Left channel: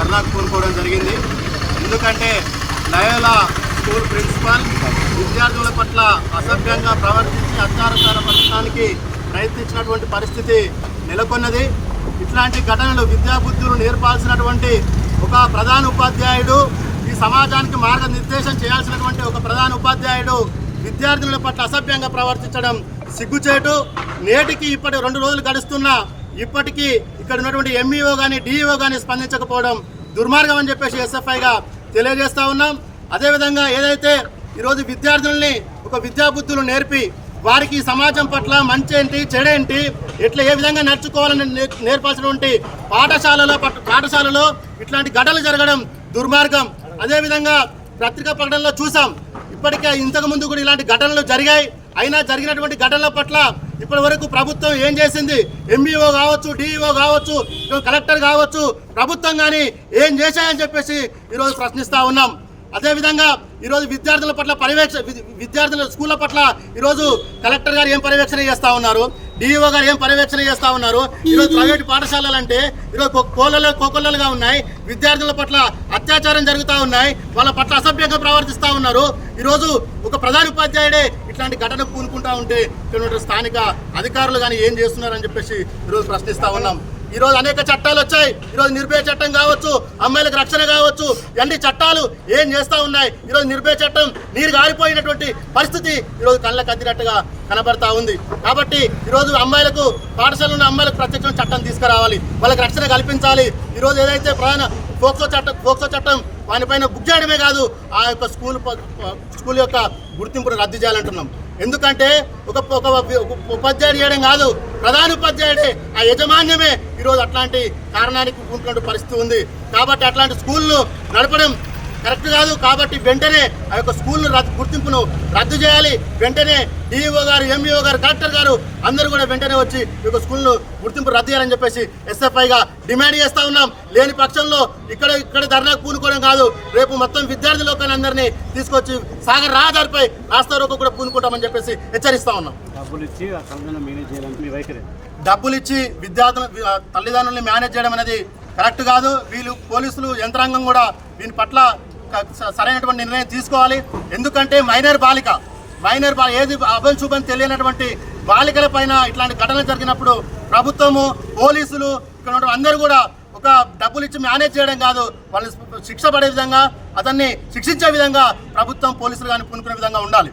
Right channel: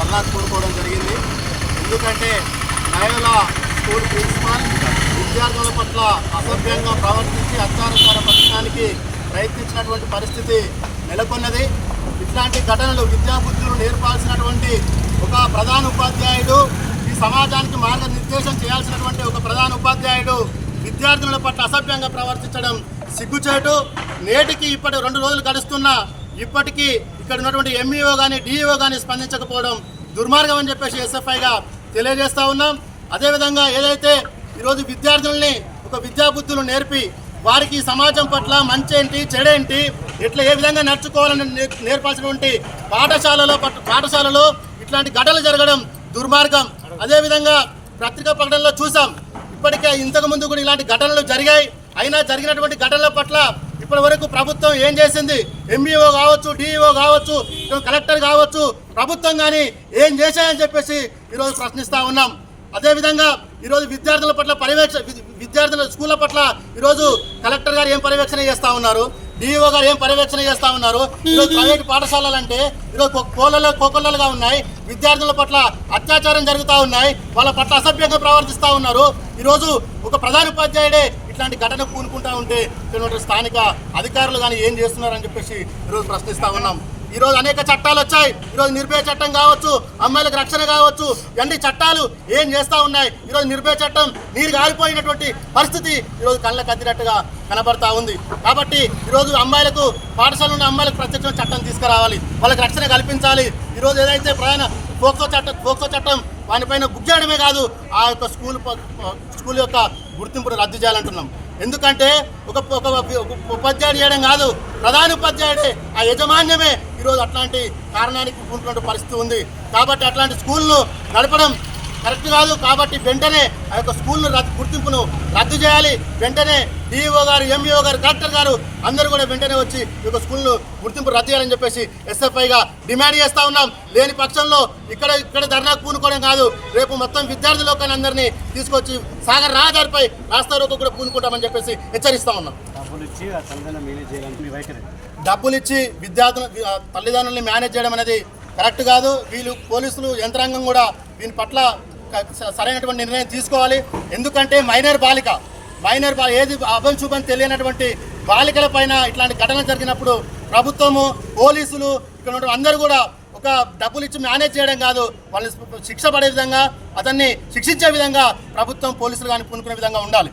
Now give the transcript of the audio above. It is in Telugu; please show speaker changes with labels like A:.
A: ధర్నాకు కోరుకోవడం జరిగింది. ఎందుకంటే లయోలా స్కూల్ ప్రిన్సిపాల్ విద్యార్థుల పట్ల అసభ్యంగా ప్రవర్తించి అత్యాచార పట్టడానికి ప్రయత్నించినటువంటి పరిస్థితి నెలకొన్నది. ఇట్లాంటి ఘటనలు విద్యాబుద్ధులు నేర్పాల్సినటువంటి ఒక ప్రధాన ఉపాధ్యాయుడు ఈ సమాజానికి మార్గనిర్దేశం చేయాల్సినటువంటి ఒక ప్రధాన ఉపాధ్యాయుడు విద్యార్థుల పట్ల అసభ్యంగా ప్రవర్తించడం సిగ్గుచేటు. నేటికి ఇప్పటి రెండు రోజులు గడుస్తున్నా ఇప్పటికీ ఇక్కడ ఉన్నటువంటి ఎంఈఓ కానీ డిఈఓ కానీ స్పందించకపోవడం దుర్మార్గం అని చెప్పేసి ఎస్ఎఫ్ఐగా తెలియజేస్తూ ఉన్నాం. అదేవిధంగా ఏదైతే ఈరోజు విద్యార్థుల్ని ఒక విద్యాబుద్ధులు నేర్పి వారికి సమాజం పట్ల మంచేంటి చెడేంటి ఎట్లా ఏ విధంగా నడుచుకోవాలని నేర్పాల్సినటువంటి పాఠశాలలో పట్- పాఠశాలలో ఇట్లాంటి ఘటనలు జరగడం దుర్మార్గం. అదేవిధంగా పత్రికా ప్రకటనలో చూసాం. ఇప్పటికే ఇంతకు ముందు కూడా ఇలాంటి ఘటనలు జరిగాయి. అయినా జరిగినటువంటి ఘటనల పట్ల ఇప్పటి వరకు ప్రభుత్వం ఏం చేసింది? ఎంఈఓ కావచ్చు డిఈఓ కావచ్చు కలెక్టర్ కావచ్చు ప్రభుత్వం కానీ ఏం చేశాయని చెప్పేసి ఈరోజు ప్రశ్నిస్తూ ఉన్నాం. అదేవిధంగా ఈరోజు విద్యార్థుల పట్ల పర్యవేక్ష విద్యార్థుల స్కూళ్ళ పట్ల ఈరోజు కలెక్టర్ గారు ఏం పర్యవేక్షణ చేస్తూ ఉన్నారు? డిఈఓ గారు ఏం పర్యవేక్షణ చేస్తూ ఉన్నారు? ఈరోజు ప్రైవేట్ పాఠశాలలు అంటే ఈరోజు కో- కోళ్ళలో కోకొల్లలుగా ఉన్నాయి. విద్యార్థుల పట్ల అత్యాచారం జరుగుతూ ఉన్నాయి. వాళ్ళ పట్ల అసభ్యంగా ప్రవర్తిస్తూ ఉన్నారు. ఈరోజు ఒక ప్రధాన ఉపాధ్యాయుడే ఇట్లాంటి ఘటన పూనుకుంటా ఉంటే స్థానిక అధికారులు కానీ ఏం చేస్తున్నారని చెప్పేసి ఈరోజు ప్రశ్నిస్తూ ఉన్నాం. ఈరోజు అనేక చట్టాలు వచ్చాయి. ఈరోజు నిర్భయ చట్టం కావచ్చు అమ్మాయిలకు రక్షణ కావచ్చు ఇవన్నీ చట్టాలు ఏం చేస్తూ ఉన్నాయి. ఈరోజు నిర్భయ చట్టం నీరు గారిపోయినటువంటి పరిస్థితి ఈరోజు కళ్ళకు అద్దినట్టుగా కనబడతా ఉంది. కాబట్టి ఈరోజు అమ్మాయిలకు పాఠశాలలో ఉన్న అమ్మాయిలకు ప్రత్యక్ష చట్టం తీసుకురావాలి. వాళ్ళకి రక్షణ కల్పించాలి. ఈరోజు ఏదైతే ప్రధాన పోక్సో చట్టం పోక్సో చట్టం వానిపైన బుక్ చేయడమే కాదు ఆ యొక్క స్కూల్ స్కూల్ యొక్క గుర్తింపును రద్దు చేయాలంటున్నాం. ఎందుకంటే ఒక ఒక ఒక ఉపాధ్యాయుడు చేయడం కాదు ప్రధాన ఉపాధ్యాయుడే ఆ యజమాన్యమే ఈరోజు అట్లాంటి కారణానికి ఉంటున్న పరిస్థితి ఉంది. కాబట్టి అట్లాంటి స్కూల్ను నడపడం కరెక్ట్ కాదు. కాబట్టి వెంటనే ఆ యొక్క రద్దు గుర్తింపును రద్దు చేయాలి. వెంటనే డిఈఓ గారు ఎంఈఓ గారు కలెక్టర్ గారు అందరూ కూడా వెంటనే వచ్చి ఈ యొక్క స్కూల్ను గుర్తింపు రద్దు చేయాలని చెప్పేసి ఎస్ఎఫ్ఐగా డిమాండ్ చేస్తా ఉన్నాం. లేని పక్షంలో ఇక్కడ ఇక్కడ ధర్నాకు పూనుకోవడం కాదు. రేపు మొత్తం విద్యార్థి లోకాన్ని అందరినీ తీసుకొచ్చి సాగర్ రహదారిపై రాస్తా రోకో కూడా పూనుకుంటామని చెప్పేసి హెచ్చరిస్తా ఉన్నాం.
B: డబ్బులు ఇచ్చి
A: విద్యార్థుల తల్లిదండ్రుల్ని మేనేజ్ చేయడం అనేది కరెక్ట్ కాదు. వీళ్ళు పోలీసులు యంత్రాంగం కూడా దీని పట్ల సరైనటువంటి నిర్ణయం తీసుకోవాలి. ఎందుకంటే మైనర్ బాలిక మైనర్ బా ఏది అభం తెలియనటువంటి బాలికల పైన ఇట్లాంటి ఘటన జరిగినప్పుడు ప్రభుత్వము పోలీసులు ఇక్కడ అందరూ కూడా ఒక డబ్బులు ఇచ్చి మేనేజ్ చేయడం కాదు. వాళ్ళని శిక్ష పడే విధంగా అతన్ని శిక్షించే విధంగా ప్రభుత్వం పోలీసులు కానీ పూనుకునే విధంగా ఉండాలి.